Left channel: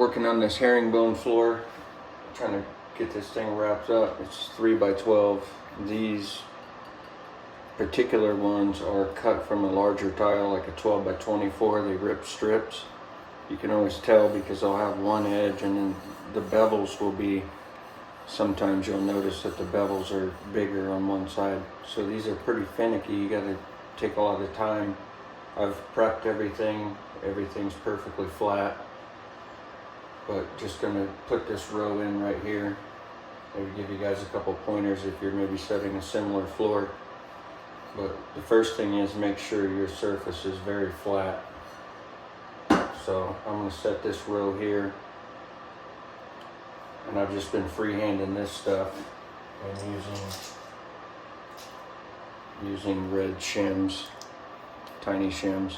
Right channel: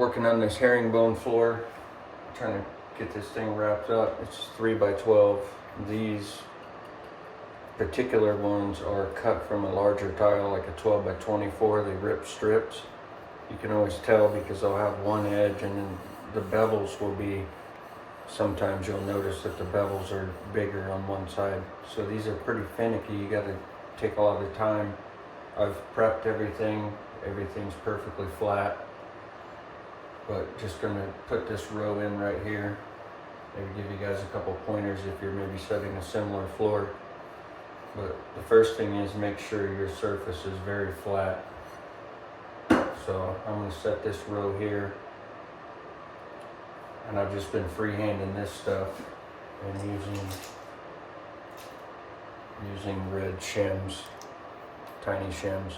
working on this herringbone floor, trying to get this thing wrapped up. It's 3x12. These particular ones are cut from a larger tile, like a 12x24. They rip strips. You can always tell because they'll have one edge, and then the bevels will be, sometimes you'll notice that the bevels are bigger on one side. So these are pretty finicky. You got to take a lot of time. I've prepped everything. Everything's perfectly flat. But just gonna put this row in right here. Maybe give you guys a couple pointers if you're maybe setting a similar floor. But the first thing is make sure your surface is very flat. So I'm gonna set this row here. And I've just been freehanding this stuff and using red shims, tiny shims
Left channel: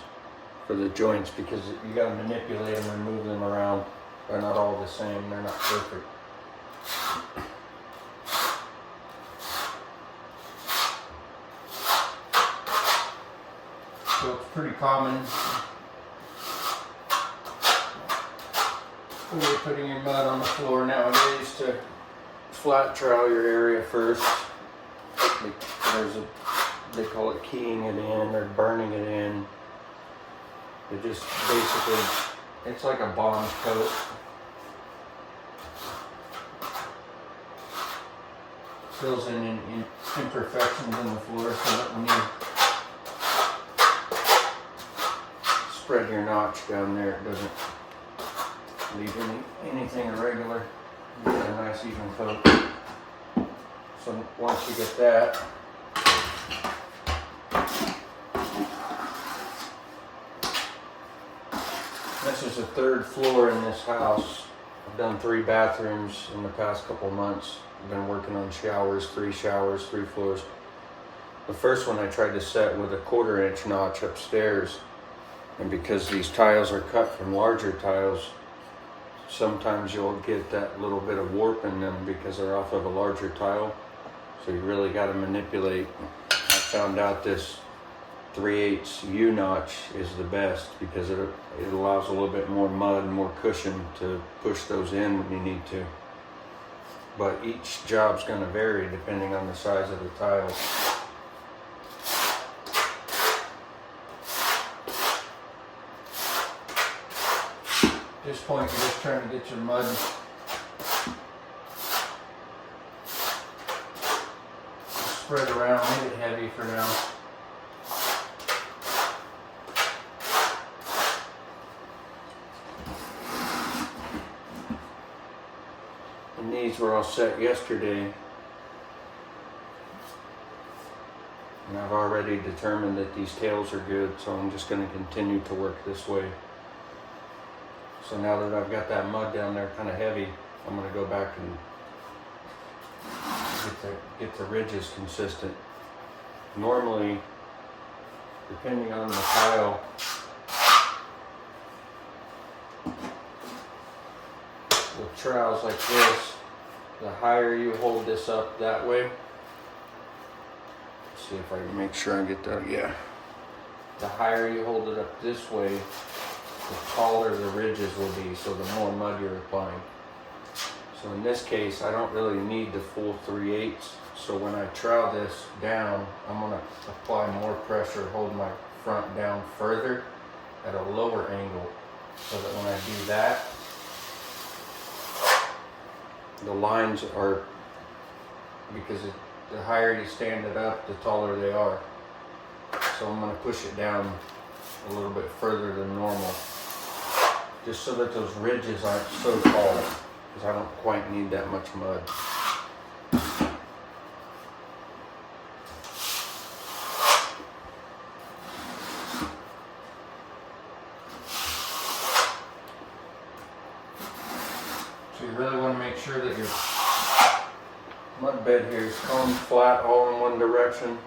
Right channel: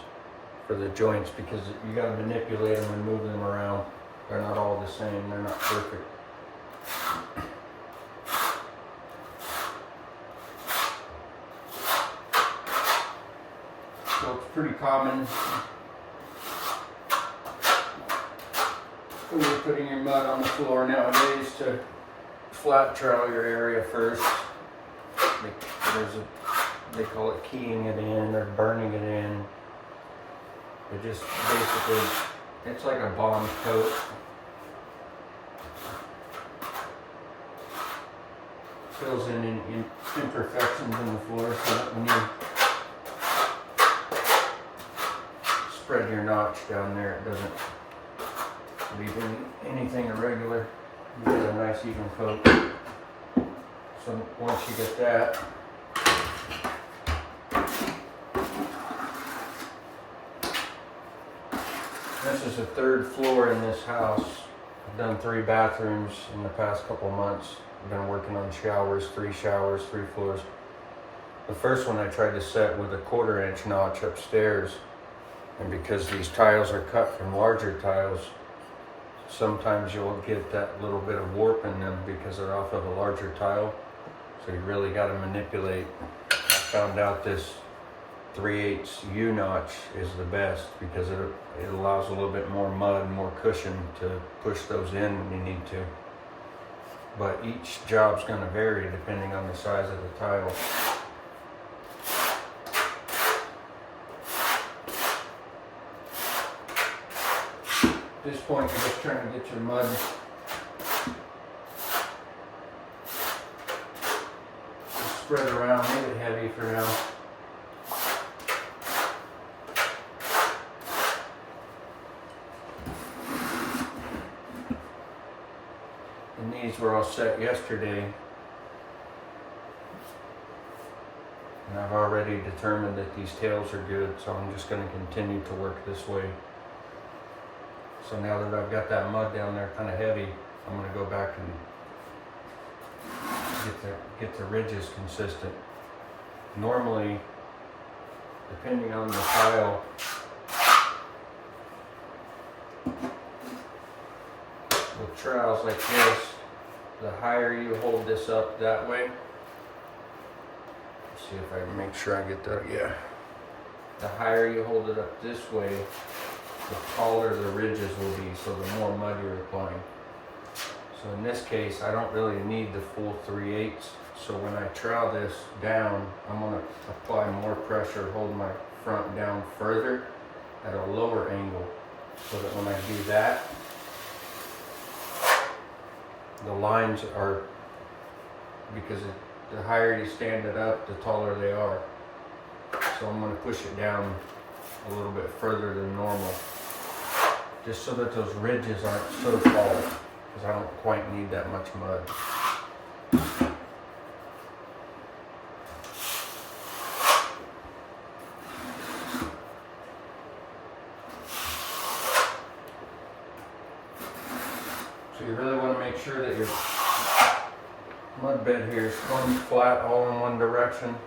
for the joints, because you gotta manipulate them and move them around. They're not all the same, they're not perfect. So it's pretty common when you're putting your mud on the floor nowadays to flat trowel your area first. They call it keying it in or burning it in. It just basically, it's like a bond coat. Fills in imperfections in the floor so that when you spread your notch down there, it doesn't leave anything irregular. You get a nice even coat. So once you get that, this is the third floor in this house. I've done 3 bathrooms in the past couple of months. I've been working on showers, 3 floors. The first one I tried to set with a 1/4 inch notch upstairs. And because these tiles are cut from larger tiles, sometimes you'll get that little bit of warp in them because they're off of a larger tile. So you really got to manipulate. I found out this 3/8 U notch is the best because it allows a little bit more mud and more cushion to push those in when you need to. But each job's going to vary depending on the size of the tile. At this point, you're just trying to get your mud spread around, make it heavy for now. And these were all set yesterday. And I've already determined that these tails are good, so I'm just going to continue to work this way. So now that I've got that mud down there kind of heavy, I'm going to go back and get the ridges consistent. Normally, depending on the tile, with trowels like this, the higher you hold this up that way, let's see if I can make sure I get that, yeah. The higher you hold it up this way, the taller the ridges will be, so the more mud you're applying. So in this case, I don't really need the full 3/8. So when I trowel this down, I'm going to apply more pressure, hold my front down further at a lower angle, so that when I do that, the lines are, because the higher you stand it up, the taller they are. So I'm going to push it down a little bit further than normal, just so that those ridges aren't so tall, because I don't quite need that much mud. So you really want to make sure that your mud bed here is combed flat all in one direction.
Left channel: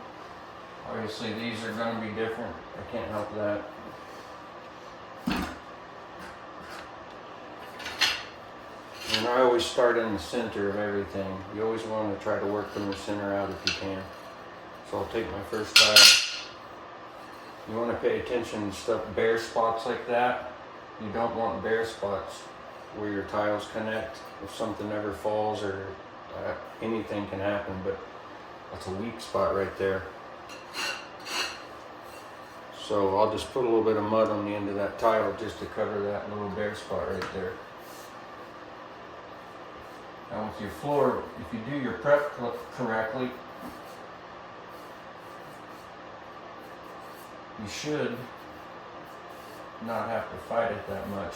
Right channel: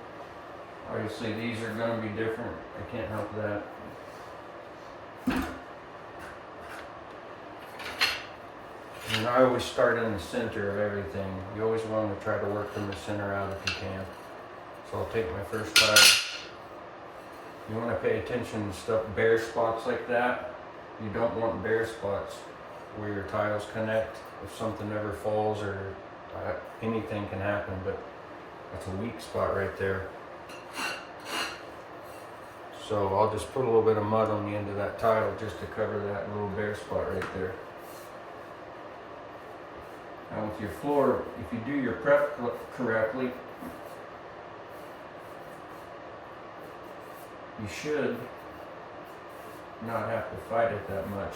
Obviously these are going to be different. I can't help that. And I always start in the center of everything. You always want to try to work from the center out if you can. So I'll take my first tile. You want to pay attention to stuff, bare spots like that. You don't want bare spots. where your tiles connect. If something ever falls or anything can happen, but that's a weak spot right there. So I'll just put a little bit of mud on the end of that tile just to cover that little bare spot right there. Now with your floor, if you do your prep correctly, you should not have to fight it that much.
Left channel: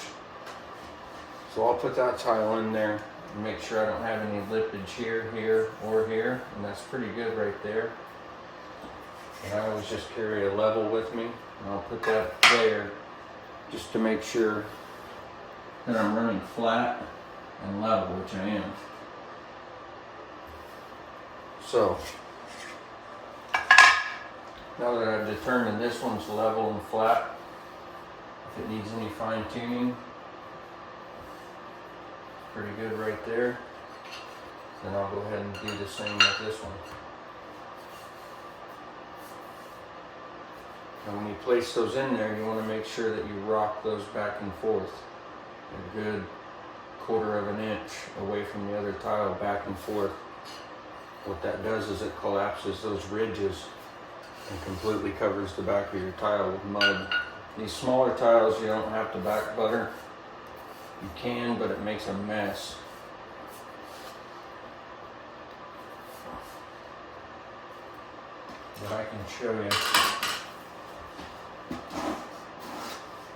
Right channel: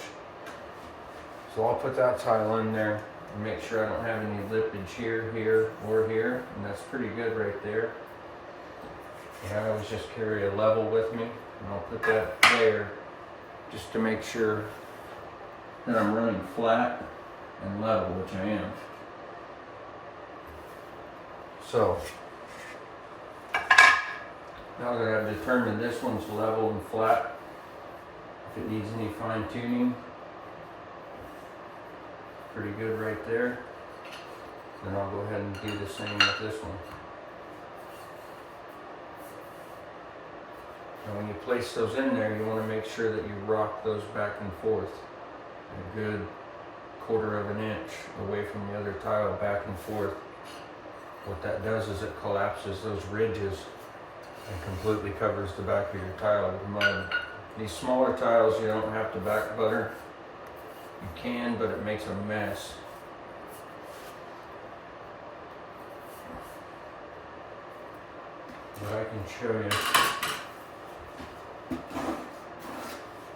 So I'll put that tile in there and make sure I don't have any lippage here, here, or here, and that's pretty good right there. And I always just carry a level with me, and I'll put that there just to make sure that I'm running flat and level, which I am. So, now that I've determined this one's level and flat, if it needs any fine tuning, pretty good right there, then I'll go ahead and do the same with this one. And when you place those in there, you want to make sure that you rock those back and forth a good 1/4 of an inch away from the other tile, back and forth. What that does is it collapses those ridges and completely covers the back of your tile with mud. These smaller tiles you don't have to back butter. You can, but it makes a mess. But I can show you.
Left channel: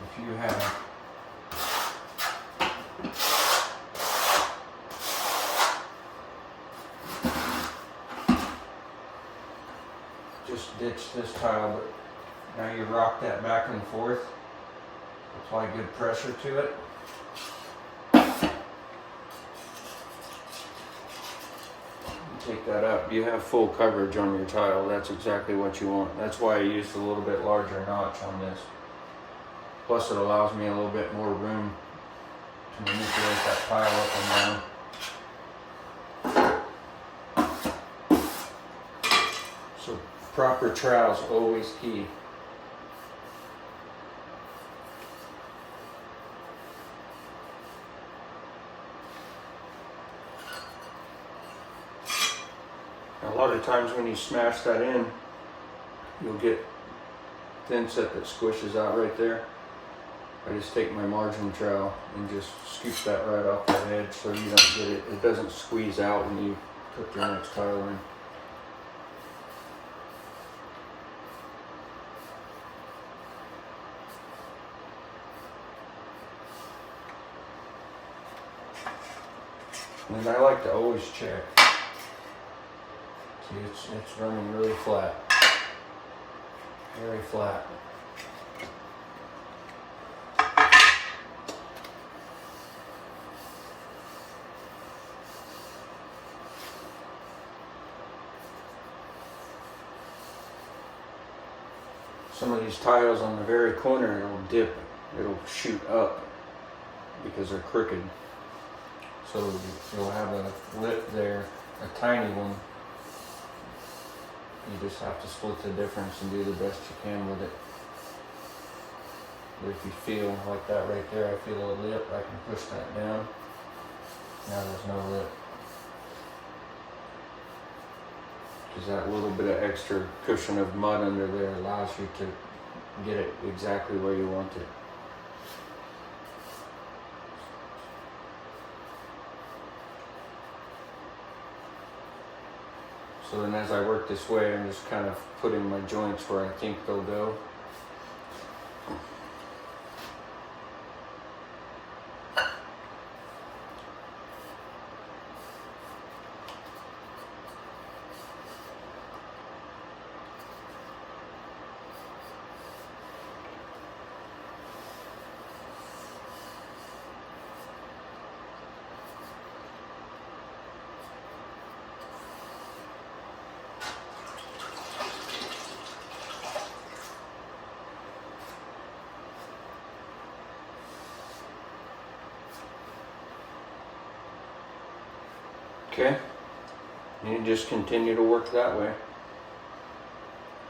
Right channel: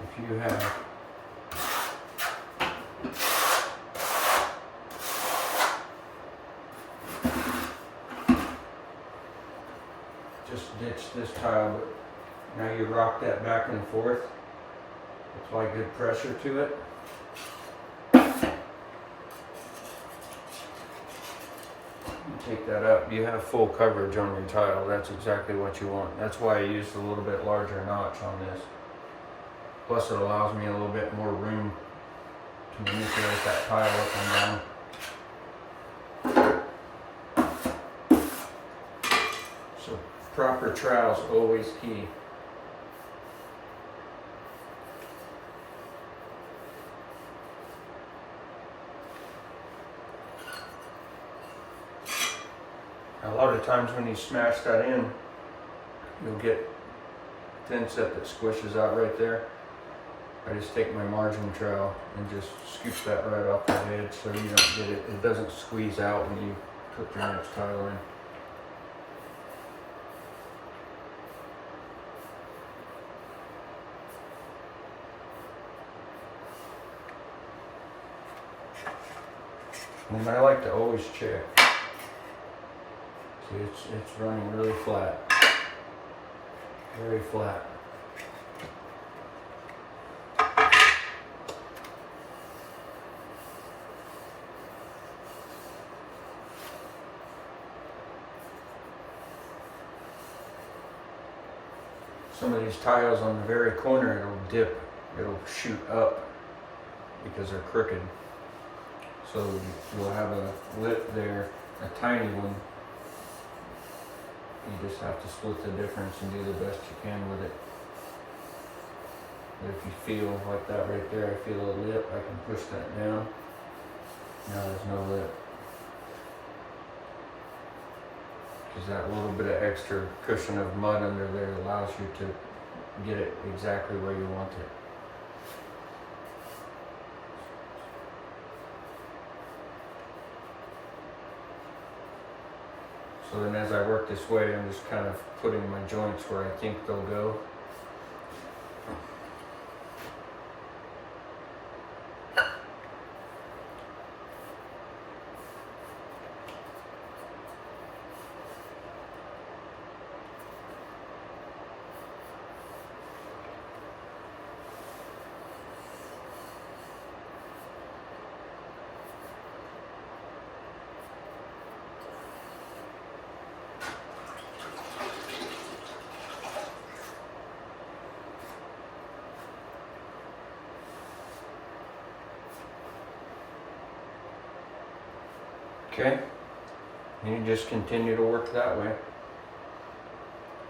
If you have just ditch this tile, but now you rock that back and forth, apply good pressure to it. Take that up, you have full coverage on your tile. That's exactly what you want. That's why I used a little bit larger notch on this. Plus it allows me a little bit more room to manipulate that tile up and down. So proper trowel is always key. A lot of times when you smash that in, you'll get thin set that squishes out right there. I just take my margin trowel and just scoop that right off the edge so you don't get it, it doesn't squeeze out when you put your next tile in. And I like to always check. See, it's running really flat. Very flat. Some of these tiles on the very corner, it'll dip, it'll shoot up because they're crooked. So you'll have a lip there, a tiny one. You just have to split the difference and do the best you can with it. But if you feel like that right there, I feel a lip, I can push that down. Now there's no lip. Because that little bit of extra cushion of mud under there allows you to get it exactly where you want it. So then as I work this way, I'm just kind of putting my joints where I think they'll go. Okay, and you just continue to work that way.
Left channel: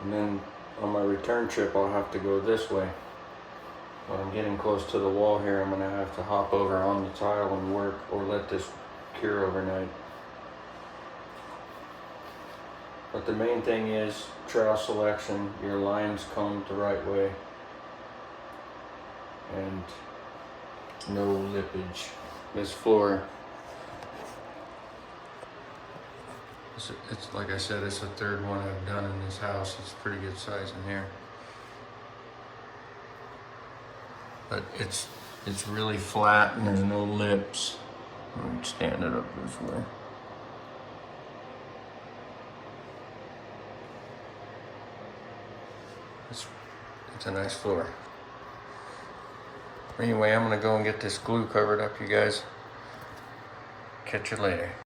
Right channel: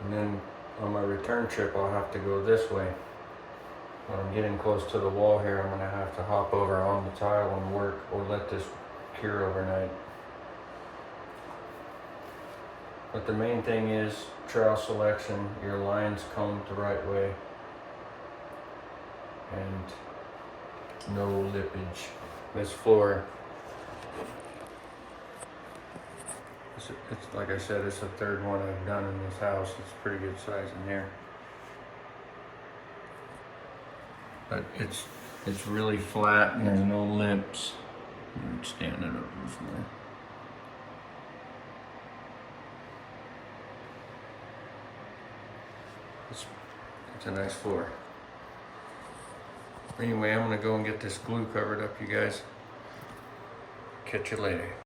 And then on my return trip, I'll have to go this way. When I'm getting close to the wall here, I'm gonna have to hop over on the tile and work, or let this cure overnight. But the main thing is trowel selection, your lines combed the right way, and no lippage. This floor, it's like I said, it's the third one I've done in this house. It's pretty good size in here. But it's really flat and there's no lips. Let me stand it up this way. It's a nice floor. Anyway, I'm gonna go and get this glue covered up, you guys. Catch you later.